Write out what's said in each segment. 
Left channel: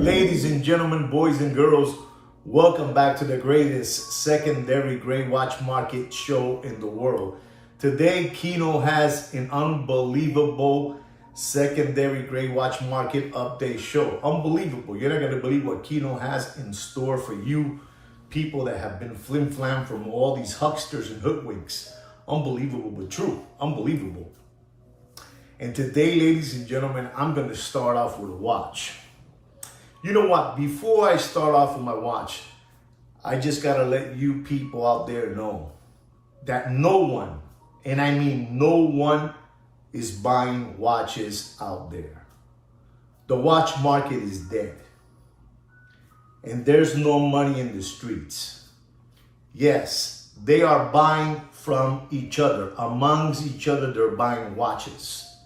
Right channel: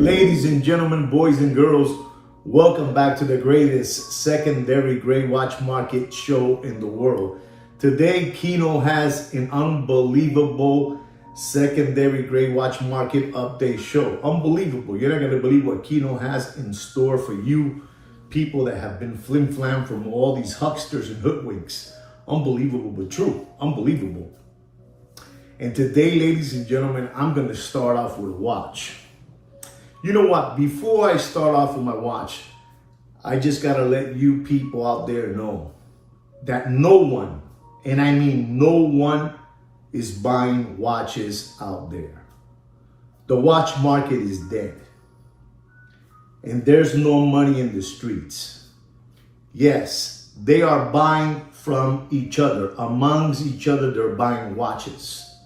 Ladies and gentlemen, boys and girls, welcome back to the greatest secondary gray watch market show in the world. Today, Kino has an unbelievable secondary gray watch market update show. Unbelievable. You're not going to believe what Kino has in store for you people that have been flim-flam from all these hucksters and hoodwinks. Unbelievable, but true. Unbelievable. And today, ladies and gentlemen, I'm going to start off with a watch. You know what? Before I start off with my watch, I just got to let you people out there know that no one, and I mean no one, is buying watches out there. The watch market is dead. And there's no money in the streets. Yes, they are buying from each other. Amongst each other, they're buying watches.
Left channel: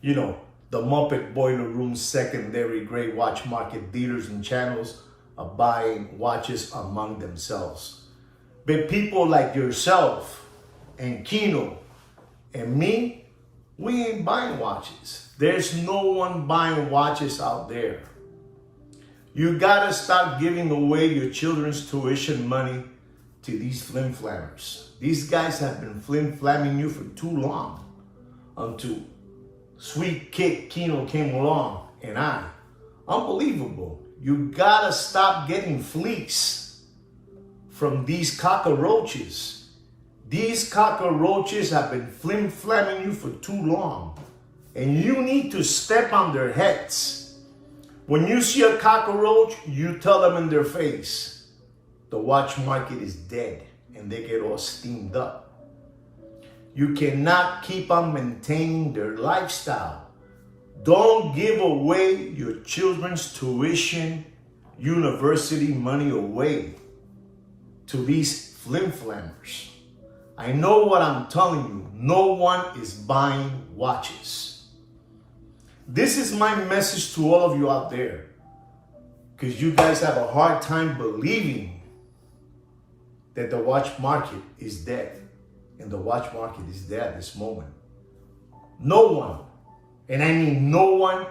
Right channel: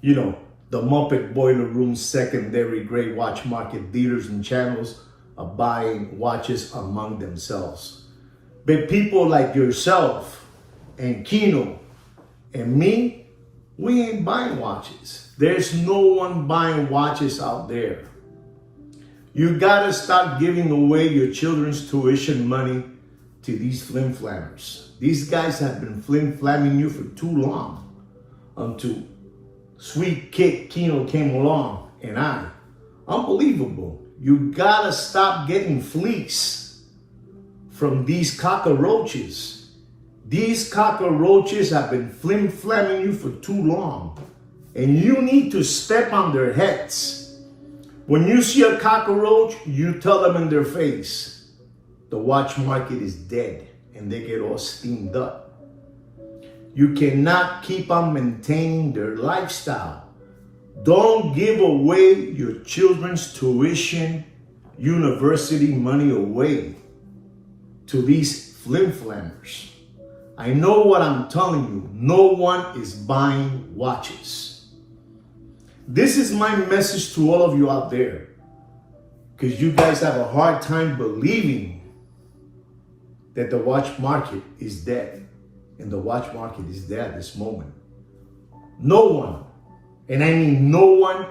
You know, the Muppet Boiler Room secondary gray watch market dealers and channels are buying watches among themselves. But people like yourself and Kino and me, we ain't buying watches. There's no one buying watches out there. You gotta stop giving away your children's tuition money to these flim-flammers. These guys have been flim-flamming you for too long until Sweet Kid Kino came along and unbelievable. You gotta stop getting fleeced from these cockroaches. These cockroaches have been flim-flamming you for too long. And you need to step on their heads. When you see a cockroach, you tell them in their face, the watch market is dead, and they get all steamed up. You cannot keep on maintaining their lifestyle. Don't give away your children's tuition, university money away to these flim-flammers. I know what I'm telling you. No one is buying watches. This is my message to all of you out there, because you guys have a hard time believing that the watch market is dead. And the watch market is there at this moment. No one, and I mean no one,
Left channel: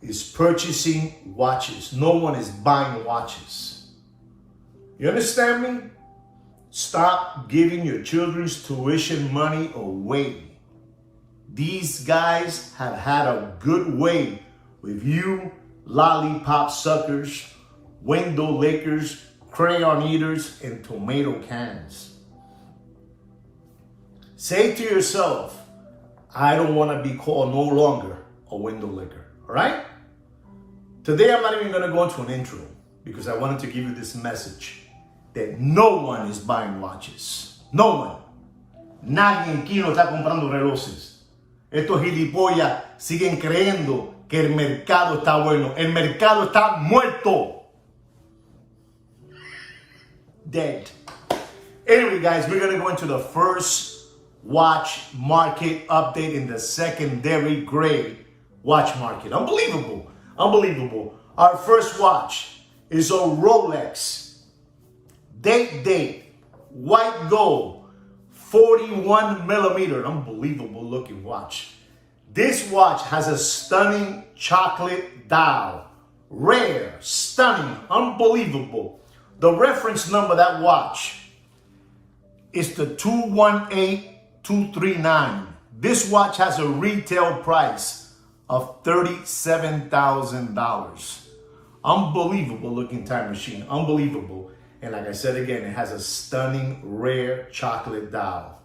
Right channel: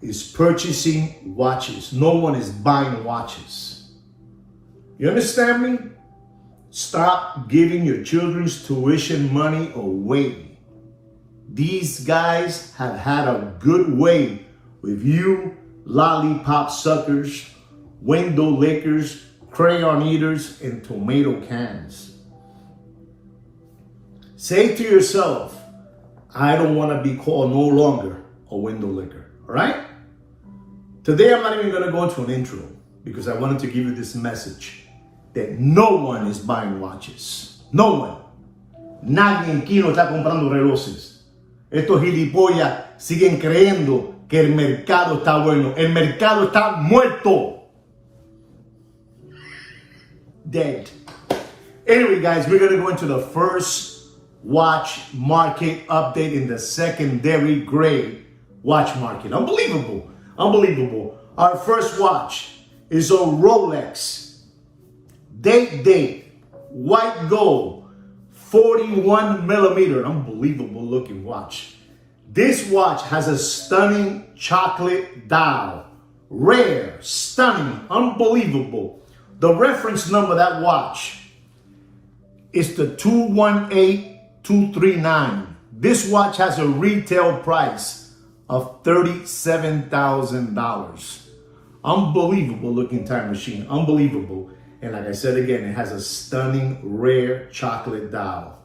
is purchasing watches. No one is buying watches. You understand me? Stop giving your children's tuition money away. These guys have had a good way with you lollipop suckers, window lickers, crayon eaters, and tomato cans. Say to yourself, I don't want to be called no longer a window licker, all right? Today, I'm not even going to go into an intro because I wanted to give you this message that no one is buying watches. No one. Nadie en Kino está comprando relojes. Estos gilipollas siguen creyendo que el mercado está bueno. El mercado está muerto. Dead. Anyway, guys, we're going to go into the first watch market update in the secondary gray watch market. Unbelievable. Unbelievable. Our first watch is a Rolex Date white gold 41 millimeter. Unbelievable looking watch. This watch has a stunning chocolate dial. Rare, stunning, unbelievable. The reference number of that watch is the 218239. This watch has a retail price of $37,000. Unbelievable looking time machine. Unbelievable. And like I said again, it has a stunning rare chocolate dial.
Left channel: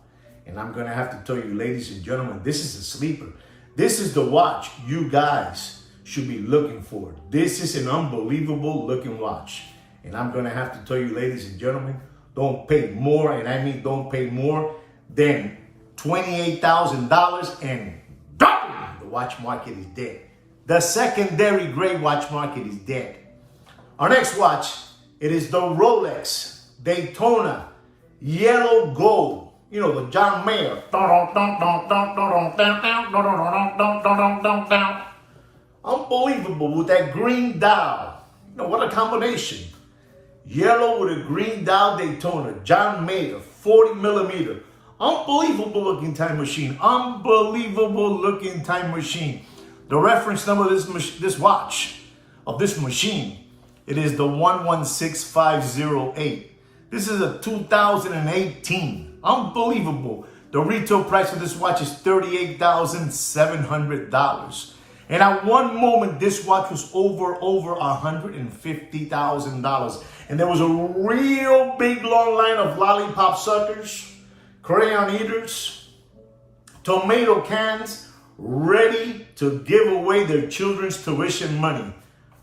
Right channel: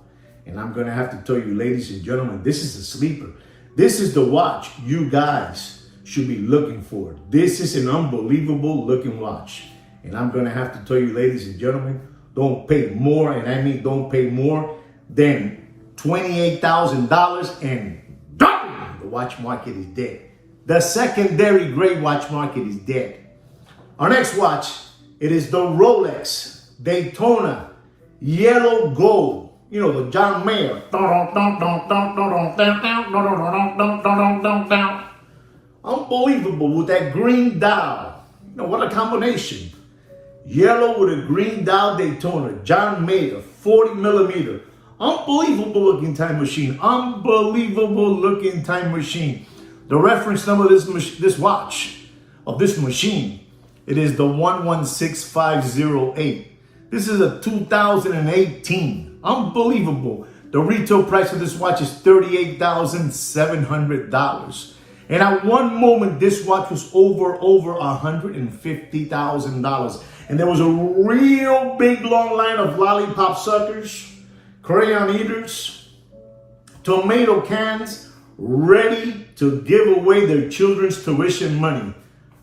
And I'm going to have to tell you, ladies and gentlemen, this is a sleeper. This is the watch you guys should be looking for. This is an unbelievable looking watch. And I'm going to have to tell you, ladies and gentlemen, don't pay more, and I mean don't pay more than $28,000, and the watch market is dead. The secondary gray watch market is dead. Our next watch, it is the Rolex Daytona yellow gold. You know, the John Mayer. Unbelievable with that green dial. You know, what a combination. Yellow with a green dial Daytona. John Mayer, 40 millimeter. Unbelievable looking time machine. Unbelievable looking time machine. The reference number of this watch, of this machine. It is the 116508. This is a 2018. Unbelievable. The retail price of this watch is $38,700. And at one moment, this watch was over $150,000. And there was a real big long line of lollipop suckers, crayon eaters, tomato cans, ready to give away their children's tuition money.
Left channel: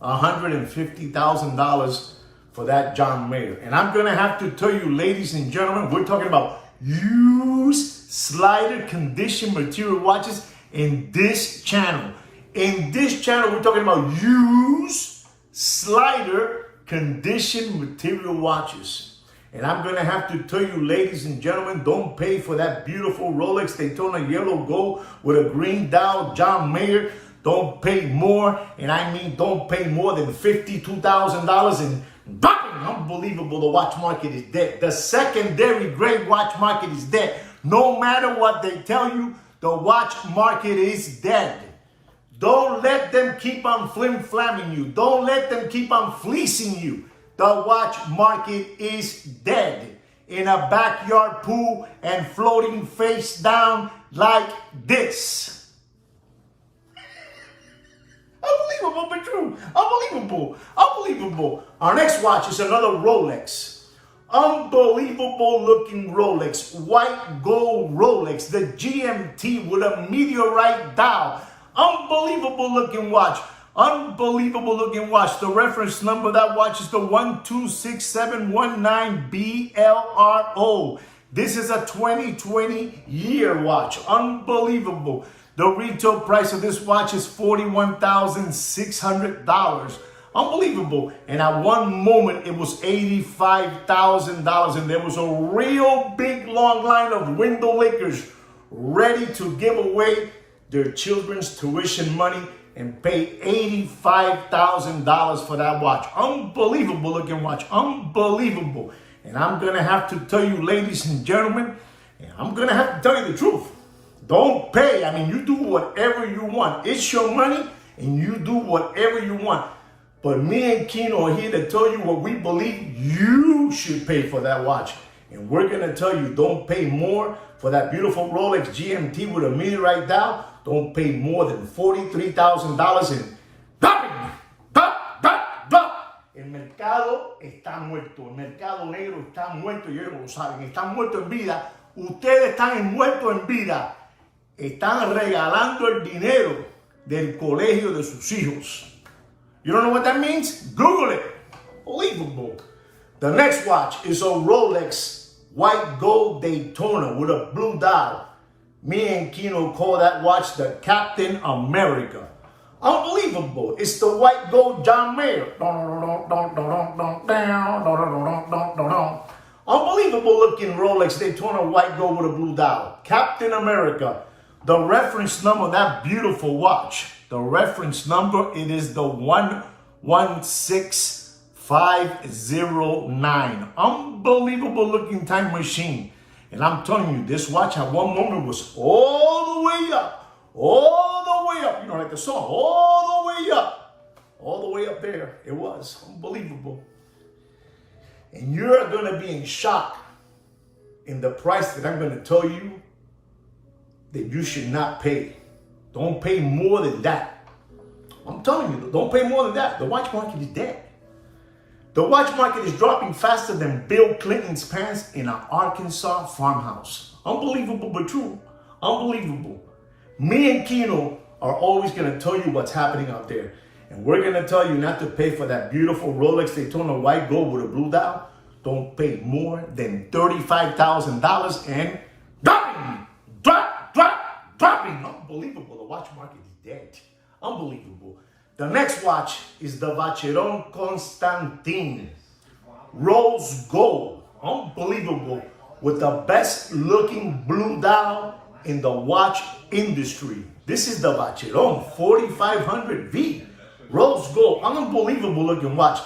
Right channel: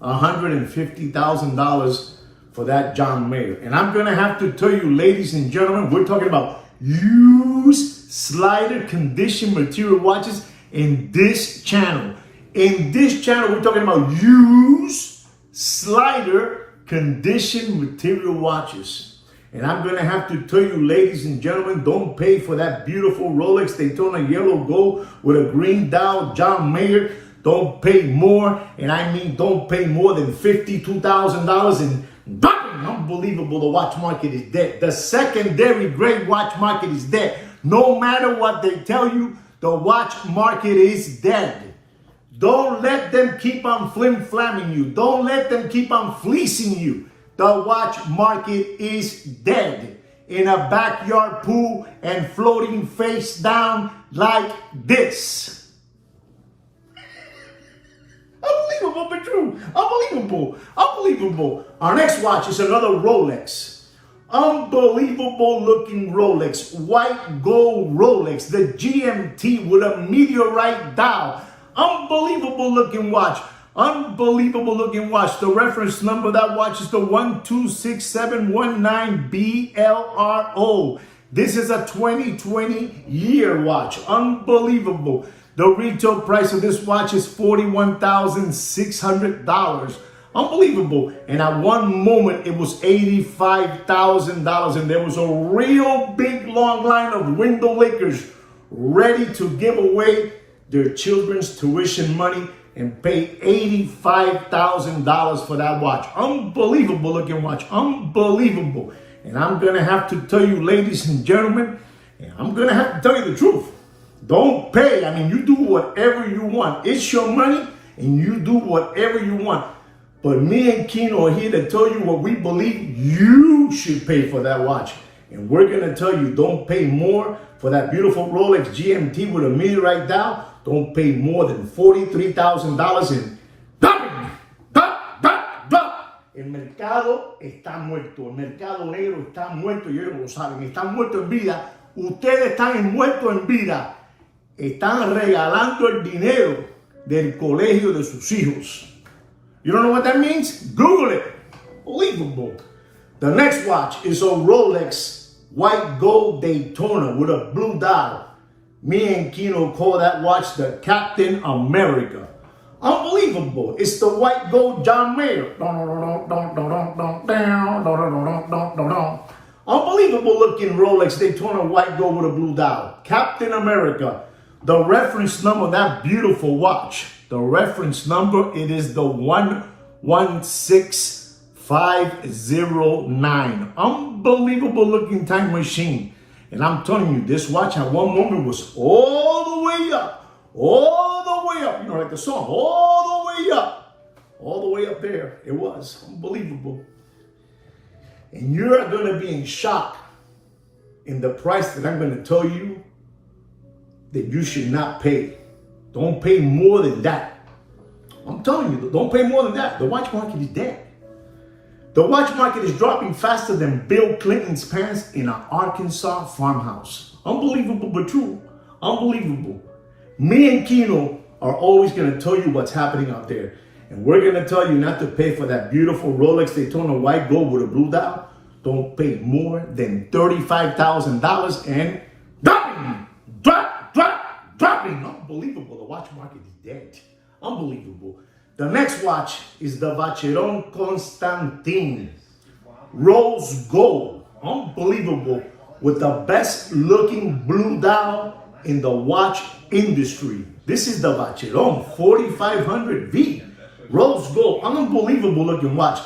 $150,000 for that John Mayer. And I'm going to have to tell you, ladies and gentlemen, we're talking about used slider condition material watches in this channel. In this channel, we're talking about used slider condition material watches. And I'm going to have to tell you, ladies and gentlemen, don't pay for that beautiful Rolex Daytona yellow gold with a green dial John Mayer. Don't pay more, and I mean don't pay more than $52,000. And unbelievable, the watch market is dead. The secondary grade watch market is dead. No matter what they tell you, the watch market is dead. Don't let them keep on flim-flamming you. Don't let them keep on fleecing you. The watch market is dead. In a backyard pool and floating face down like this. Unbelievable, but true. Unbelievable. Unbelievable. Our next watch is another Rolex. Unbelievable looking Rolex. White gold Rolex. The GMT with a meteorite dial. Unbelievable looking watch. Unbelievable looking watch. The reference number of that watch is the 126719BLRO. This is a 2020 year watch. Unbelievable. The retail price of this watch is $41,600. Unbelievable. And at one moment, it was $85,000. And there was a real big long line of window lickers ready to give away their children's tuition money and pay $85,000 for that watch. Unbelievable looking watch. Unbelievable. And I'm going to have to tell you, ladies and gentlemen, and I'm going to have to tell you the truth. Don't pay. I mean, you do whatever you want. It's your money and you do whatever you want. But me and Kino are here to tell you what we believe you should pay for that watch. And we're going to tell you, don't pay more for that beautiful Rolex GMT with a meteorite dial. Don't pay more than $43,000 in El mercado está muerto. El mercado negro está muerto y ellos lo saben. Están muertos en vida. Ustedes están muertos en vida. Están regalando el dinero del colegio de sus hijos. You don't know what that means? Google it. Unbelievable. The next watch is a Rolex white gold Daytona with a blue dial. Me and Kino call that watch the Captain America. Unbelievable. It's the white gold John Mayer. Unbelievable looking Rolex Daytona white gold with a blue dial. Captain America. The reference number of that beautiful watch. The reference number, it is the 116509. Unbelievable looking time machine. And I'm telling you, this watch at one moment was all the way up. All the way up. You know, like the song. All the way up. All the way up there. It was unbelievable. And you're going to be in shock in the price that I'm going to tell you that you should not pay. Don't pay more than that. I'm telling you, don't pay more than that. The watch market is dead. The watch market is dropping faster than Bill Clinton's pants in an Arkansas farmhouse. Unbelievable, but true. Unbelievable. Me and Kino are always going to tell you what's happening out there. And we're going to tell you not to pay for that beautiful Rolex Daytona white gold with a blue dial. Don't pay more than $35,000 and dropping. Dropping. Unbelievable. The watch market is dead. Unbelievable. The next watch is the Vacheron Constantin Rose Gold. Unbelievable. With the best looking blue dial in the watch industry. This is the Vacheron 4500V Rose Gold. Unbelievable looking watch.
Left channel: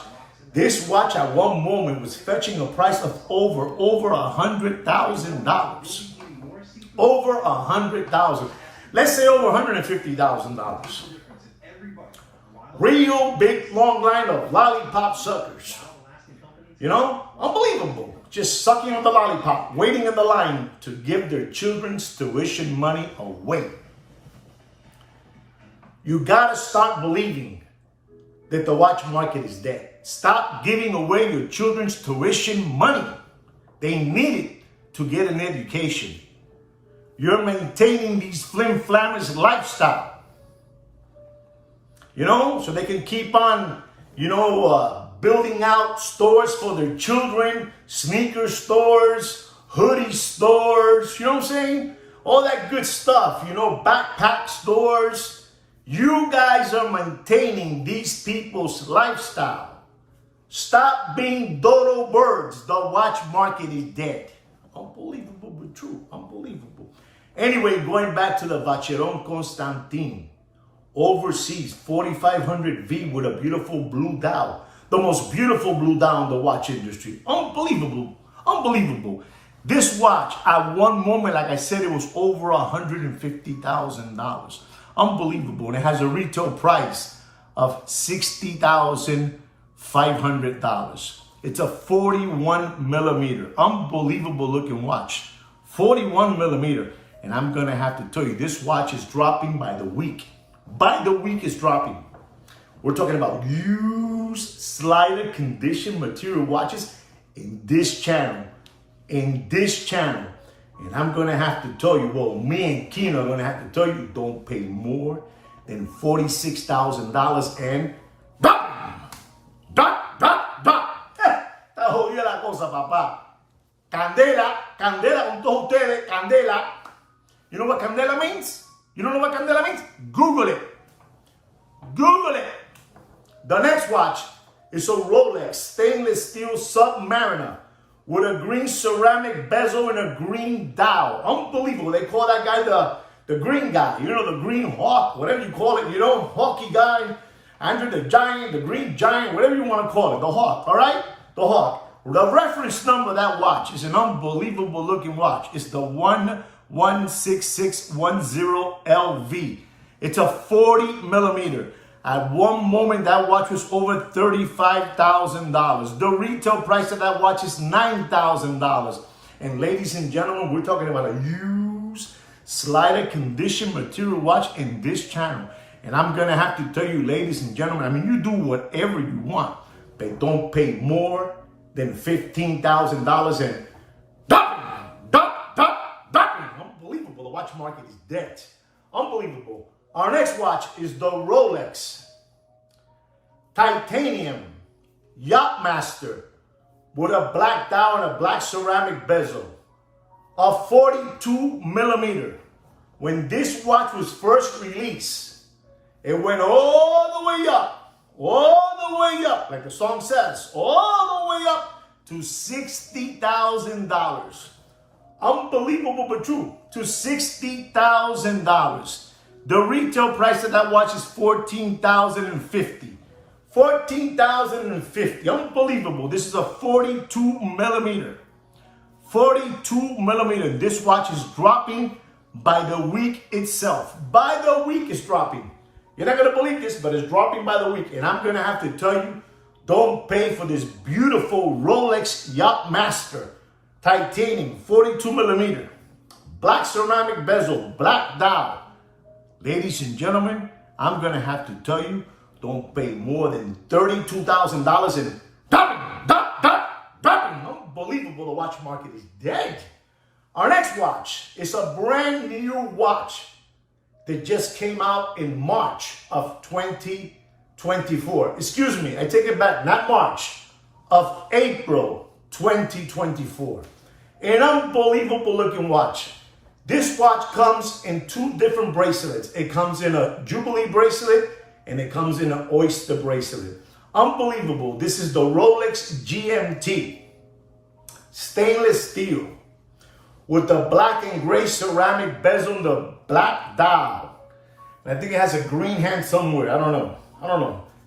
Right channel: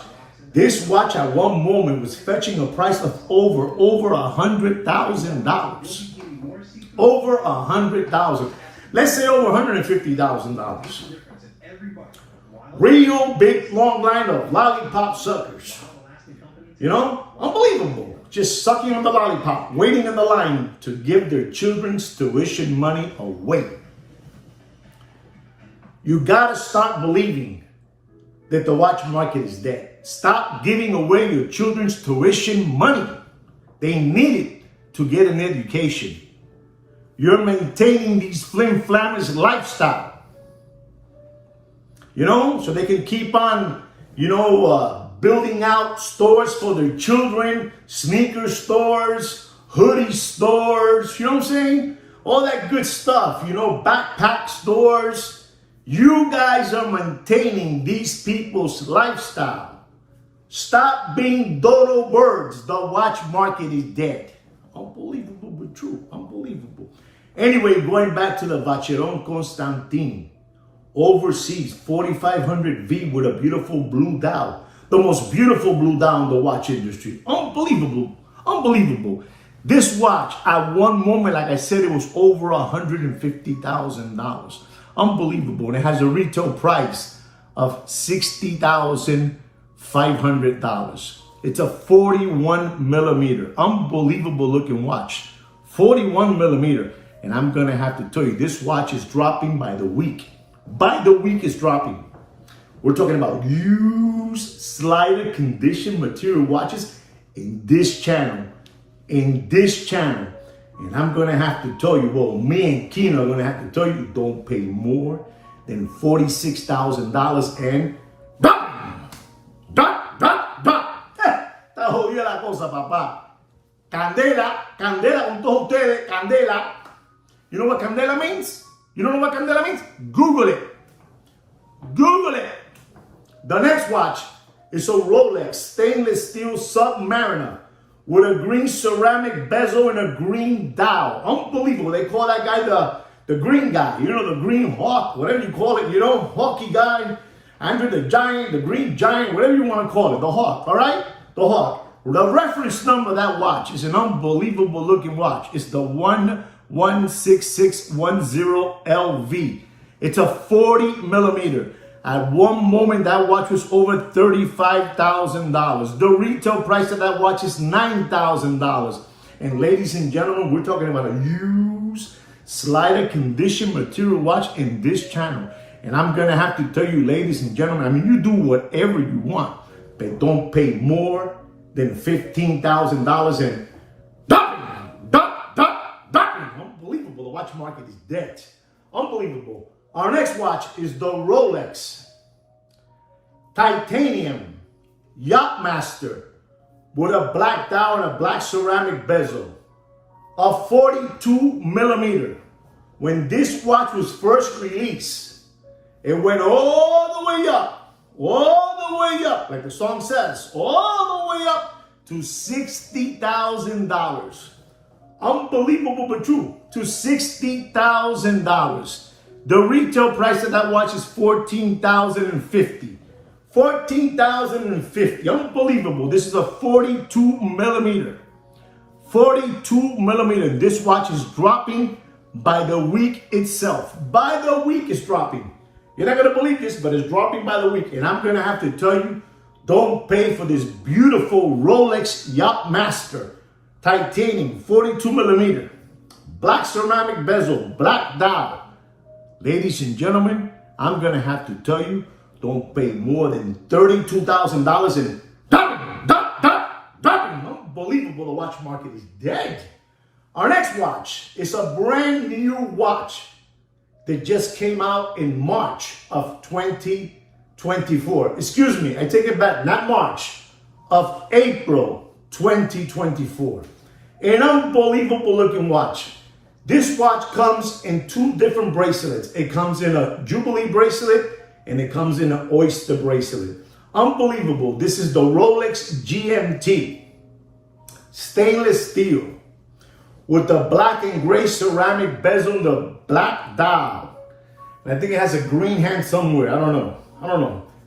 This watch at one moment was fetching a price of over $100,000. Over $100,000. Let's say over $150,000. Real big long line of lollipop suckers. You know, unbelievable. Just sucking on the lollipop, waiting in the line to give their children's tuition money away. You gotta start believing that the watch market is dead. Stop giving away your children's tuition money. They need it to get an education. You're maintaining these flim-flammers lifestyle. You know, so they can keep on, building out stores for their children, sneaker stores, hoodie stores, you know what I'm saying? All that good stuff, backpack stores. You guys are maintaining these people's lifestyle. Stop being dodo birds. The watch market is dead. Unbelievable but true. Unbelievable. Anyway, going back to the Vacheron Constantin. Overseas, 4500V with a beautiful blue dial. The most beautiful blue dial in the watch industry. Unbelievable. Unbelievable. This watch, at one moment, like I said, it was over $150,000. Unbelievable. And it has a retail price of $60,500. It's a 41 millimeter. Unbelievable looking watch. 41 millimeter. And I'm going to have to tell you, this watch is dropping by the week. By the week it's dropping. We're talking about used slider condition material watches in this channel. In this channel. And I'm going to have to tell you, well, me and Kino are going to have to tell you, don't pay more than $46,000 and Está jodida la cosa, papá. Candela, candela con todos ustedes, candela. You know what candela means? You don't know what candela means? Google it. Google it. The next watch is a Rolex stainless steel Submariner with a green ceramic bezel and a green dial. Unbelievable. They call that guy the green guy. The green hawk, whatever you call it. Hawky guy. Andre the Giant, the Green Giant, whatever you want to call it. The hawk, all right? The hawk. The reference number of that watch is an unbelievable looking watch. It's the 116610LV. It's a 40 millimeter. At one moment, that watch was over $35,000. The retail price of that watch is $9,000. And ladies and gentlemen, we're talking about a used slider condition material watch in this channel. And I'm going to have to tell you, ladies and gentlemen, you do whatever you want, but don't pay more than $15,000 and unbelievable. The watch market is dead. Unbelievable. Our next watch is the Rolex Titanium Yachtmaster with a black dial and a black ceramic bezel. A 42 millimeter. When this watch was first released, it went all the way up, like the song says, all the way up to $60,000. Unbelievable but true, to $60,000. The retail price of that watch is $14,050. $14,050. Unbelievable. This is a 42 millimeter. 42 millimeter. This watch is dropping by the week itself. By the week it's dropping. You're not going to believe this, but it's dropping by the week. And I'm going to have to tell you, don't pay for this beautiful Rolex Yachtmaster Titanium 42 millimeter. Black ceramic bezel, black dial. Ladies and gentlemen, I'm going to have to tell you, don't pay more than $32,000 and unbelievable, the watch market is dead. Our next watch is a brand new watch that just came out in March of 2024. Excuse me, I take it back, not March, of April 2024. An unbelievable looking watch. This watch comes in two different bracelets. It comes in a Jubilee bracelet and it comes in an Oyster bracelet. Unbelievable. This is the Rolex GMT. Stainless steel with the black and gray ceramic bezel, the black dial. And I think it has a green hand somewhere. I don't know.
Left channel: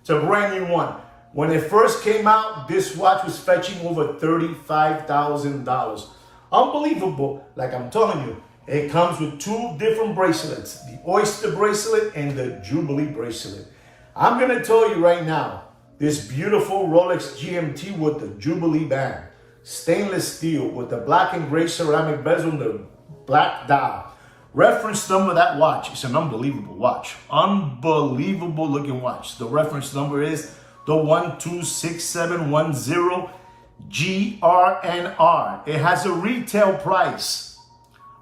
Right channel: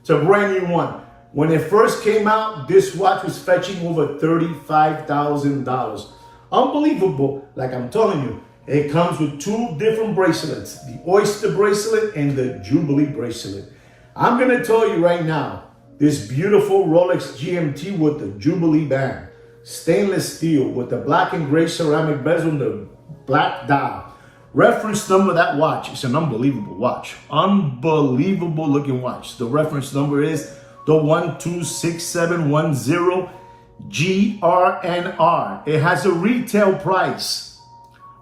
It's a brand new one. When it first came out, this watch was fetching over $35,000. Unbelievable. Like I'm telling you, it comes with two different bracelets, the Oyster bracelet and the Jubilee bracelet. I'm going to tell you right now, this beautiful Rolex GMT with the Jubilee band, stainless steel with the black and gray ceramic bezel and the black dial. Reference number of that watch, it's an unbelievable watch. Unbelievable looking watch. The reference number is the 126710 GRNR. It has a retail price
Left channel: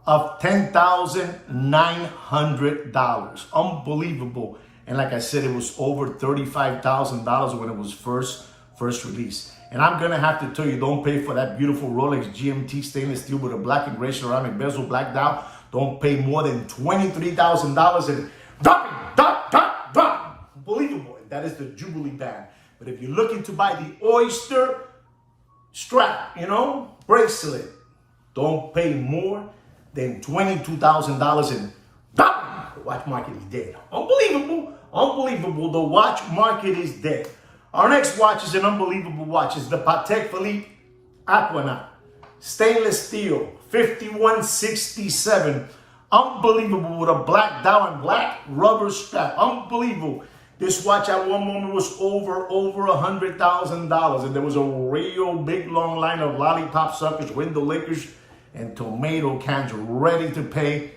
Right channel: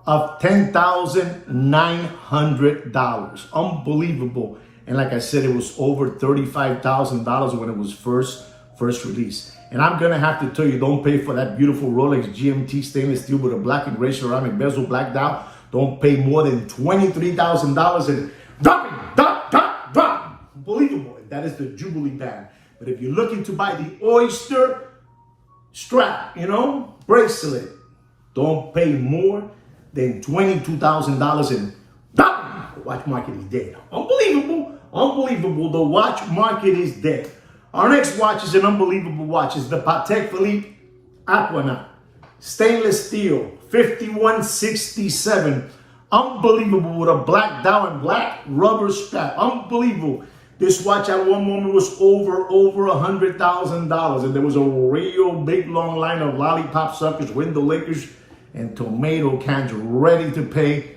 of $10,900. Unbelievable. And like I said, it was over $35,000 when it was first released. And I'm going to have to tell you, don't pay for that beautiful Rolex GMT stainless steel with a black and gray ceramic bezel, black dial. Don't pay more than $23,000 and drop. Unbelievable. And that is the Jubilee band. But if you're looking to buy the Oyster strap, bracelet, don't pay more than $22,000 and drop. The watch market is dead. Unbelievable. Unbelievable. The watch market is dead. Our next watch is an unbelievable watch. It's the Patek Philippe Aquanaut. Stainless steel, 5167. Unbelievable with a black dial and black rubber strap. Unbelievable. This watch at one moment was over $100,000. And there was a real big long line of lollipop suckers, window lickers, and tomato cans ready to pay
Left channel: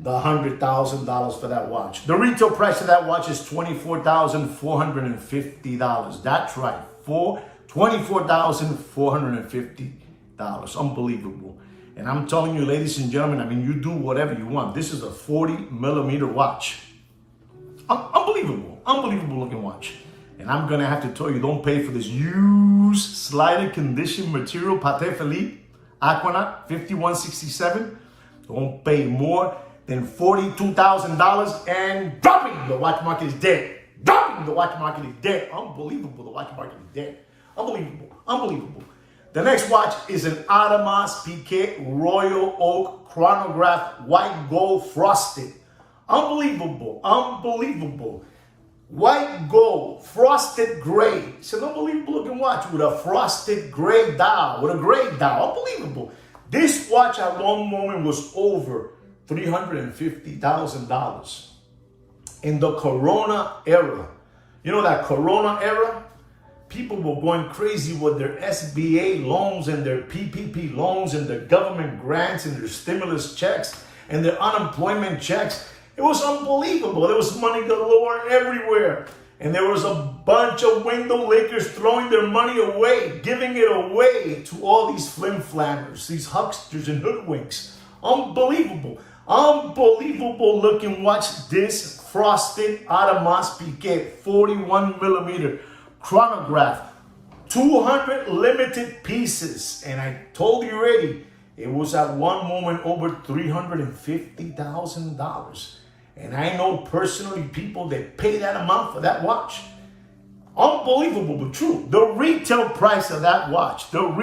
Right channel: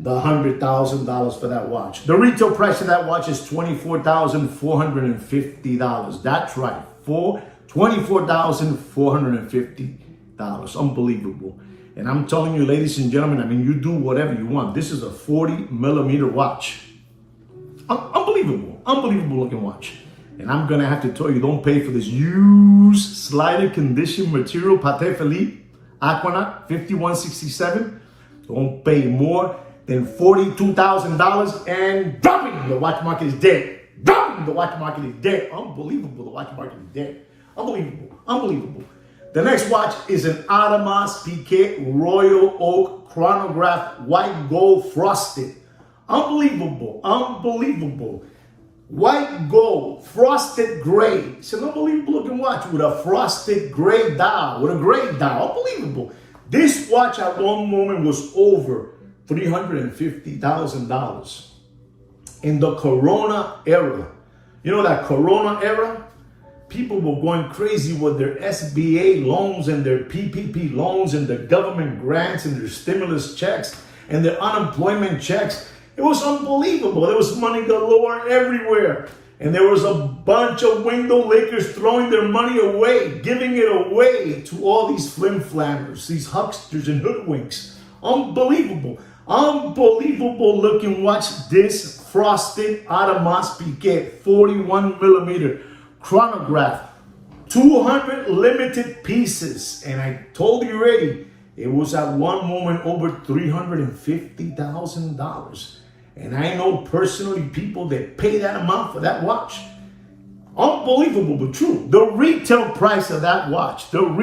the $100,000 for that watch. The retail price of that watch is $24,450. That's right, $24,450. Unbelievable. And I'm telling you, ladies and gentlemen, you do whatever you want. This is a 40 millimeter watch. Unbelievable. Unbelievable looking watch. And I'm going to have to tell you, don't pay for this used slider condition material Patek Philippe Aquanaut 5167. Don't pay more than $42,000 and dropping. The watch market is dead. Dropping. The watch market is dead. Unbelievable. The watch market is dead. Unbelievable. Unbelievable. The next watch is an Audemars Piguet Royal Oak chronograph, white gold frosted. Unbelievable. Unbelievable. White gold, frosted gray. It's an unbelievable looking watch with a frosted gray dial, with a gray dial. Unbelievable. This watch at one moment was over $350,000. In the Corona era, that Corona era, people were going crazy with their SBA loans and their PPP loans and their government grants and their stimulus checks and their unemployment checks. It was unbelievable. There was money galore everywhere. And there was a bunch of window lickers throwing their money away, giving it away to all these flim-flammers, these hucksters and hoodwinks. Unbelievable. Unbelievable looking watch. This frosted Audemars Piguet 41 millimeter chronograph. 200 limited pieces. And I told you already, it was at one moment over $350,000. And I know personally people that pay that amount for that watch. Unbelievable, but true. The retail price of that watch, I'm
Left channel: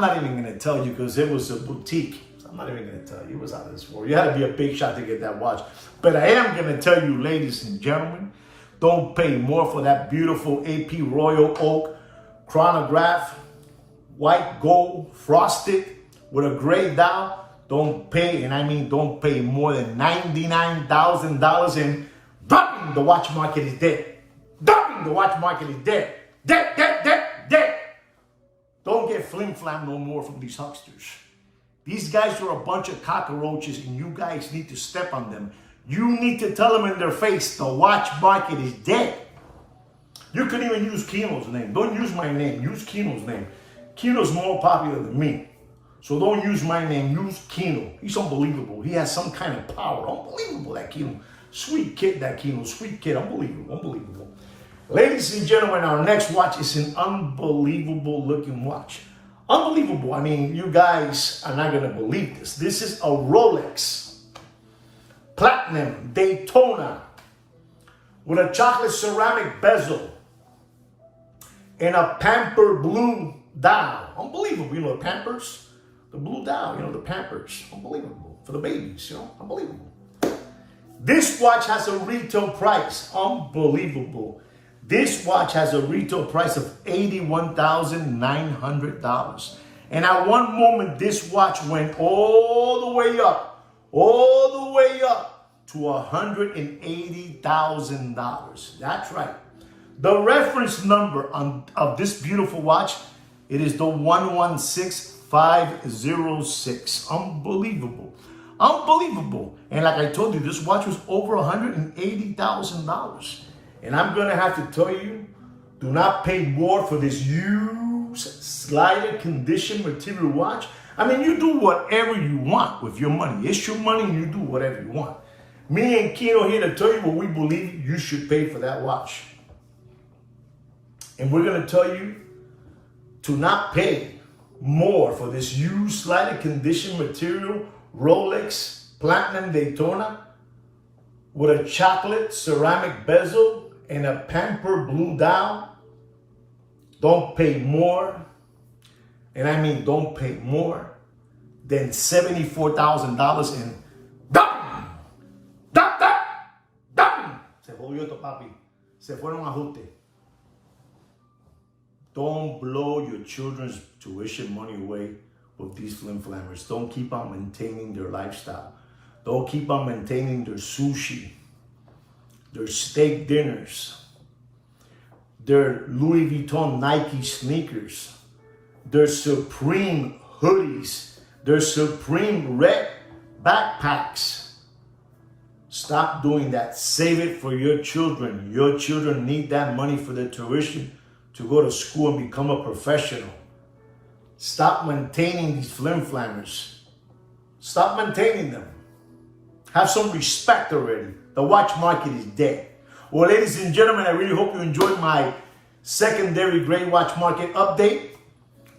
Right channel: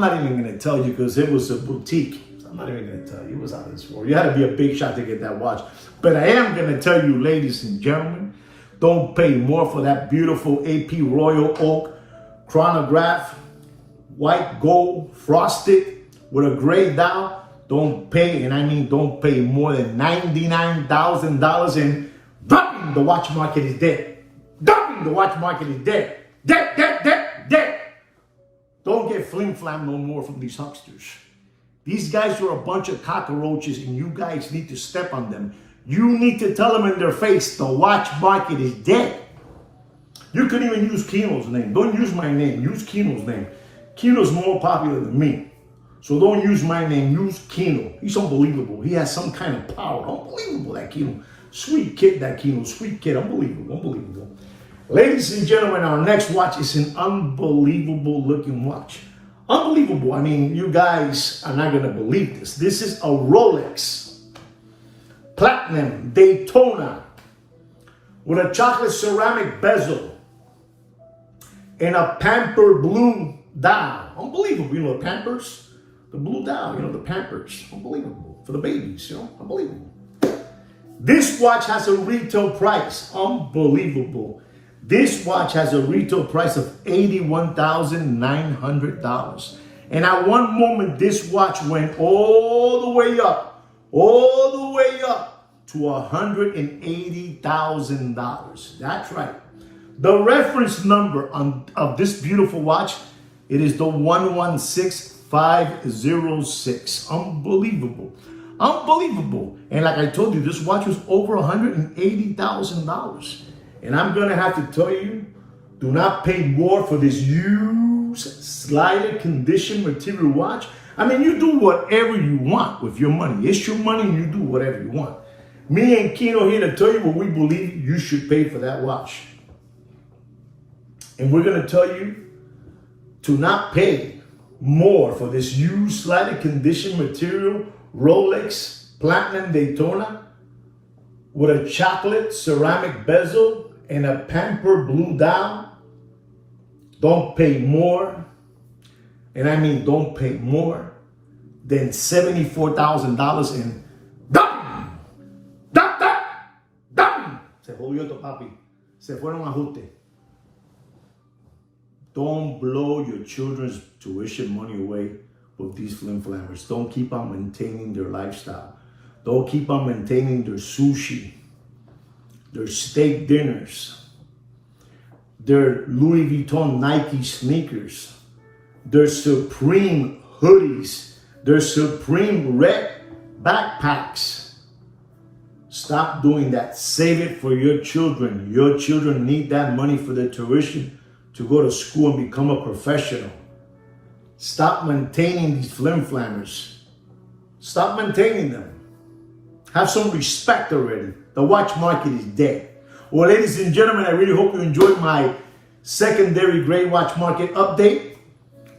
not even going to tell you because it was a boutique. I'm not even going to tell you. It was out of this world. You had to be a big shot to get that watch. But I am going to tell you, ladies and gentlemen, don't pay more for that beautiful AP Royal Oak chronograph, white gold, frosted with a gray dial. Don't pay, and I mean don't pay more than $99,000 and dropping. The watch market is dead. Dropping. The watch market is dead. Dead. Don't get flim-flam no more from these hucksters. These guys are a bunch of cockroaches and you guys need to step on them. You need to tell them in their face, the watch market is dead. You could even use Kino's name. Don't use my name. Use Kino's name. Kino's more popular than me. So don't use my name. Use Kino. He's unbelievable. He has some kind of power. Unbelievable, that Kino. Sweet kid, that Kino. Sweet kid. Unbelievable. Ladies and gentlemen, our next watch is an unbelievable looking watch. Unbelievable. I mean, you guys are not going to believe this. This is a Rolex Platinum Daytona with a chocolate ceramic bezel and a pamper blue dial. Unbelievable. You know the Pampers? The blue dial, the Pampers. Unbelievable. For the babies, unbelievable. This watch has a retail price. Unbelievable. This watch has a retail price of $81,900. And at one moment, this watch went all the way up to $180,000. That's right. The reference number of this beautiful watch, it is the 116506. Unbelievable. Unbelievable. And like I told you, this watch was over $180,000. And I'm going to have to tell you, do not pay more for this used, slighted condition material watch. I mean, you do whatever you want with your money. It's your money and you do whatever you want. Me and Kino here to tell you what we believe you should pay for that watch. And we're going to tell you to not pay more for this used, slightly conditioned material Rolex Platinum Daytona with a chocolate ceramic bezel and a pamper blue dial. Don't pay more, and I mean don't pay more than $74,000 in ¡dam! ¡Dam! ¡Dam! ¡Dam! Se jodió esto, papi. Se fueron ajustes. Don't blow your children's tuition money away with these flim-flammers. Don't keep on maintaining their lifestyle. Don't keep on maintaining their sushi, their steak dinners, their Louis Vuitton Nike sneakers, their Supreme hoodies, their Supreme red backpacks. Stop doing that. Save it for your children. Your children need that money for their tuition to go to school and become a professional. Stop maintaining these flim-flammers. Stop maintaining them. Have some respect already. The watch market is dead. Well, ladies and gentlemen, I really hope you enjoyed my secondary gray watch market update.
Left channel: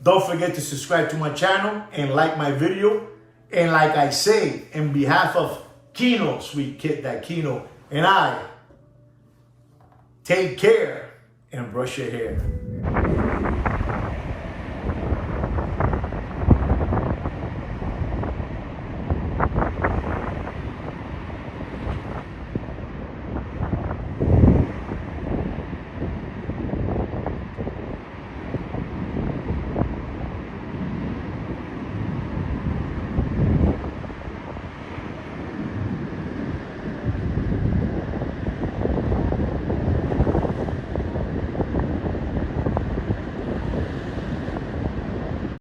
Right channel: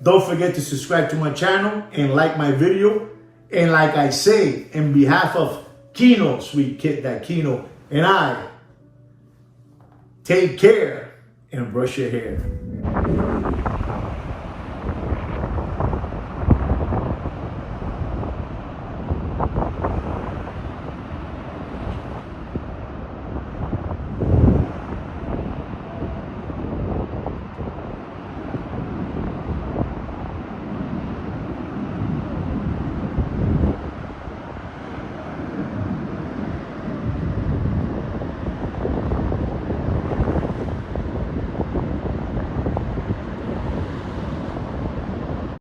Don't forget to subscribe to my channel and like my video. And like I say, in behalf of Kino, sweet kid, that Kino, and I, take care and brush your hair.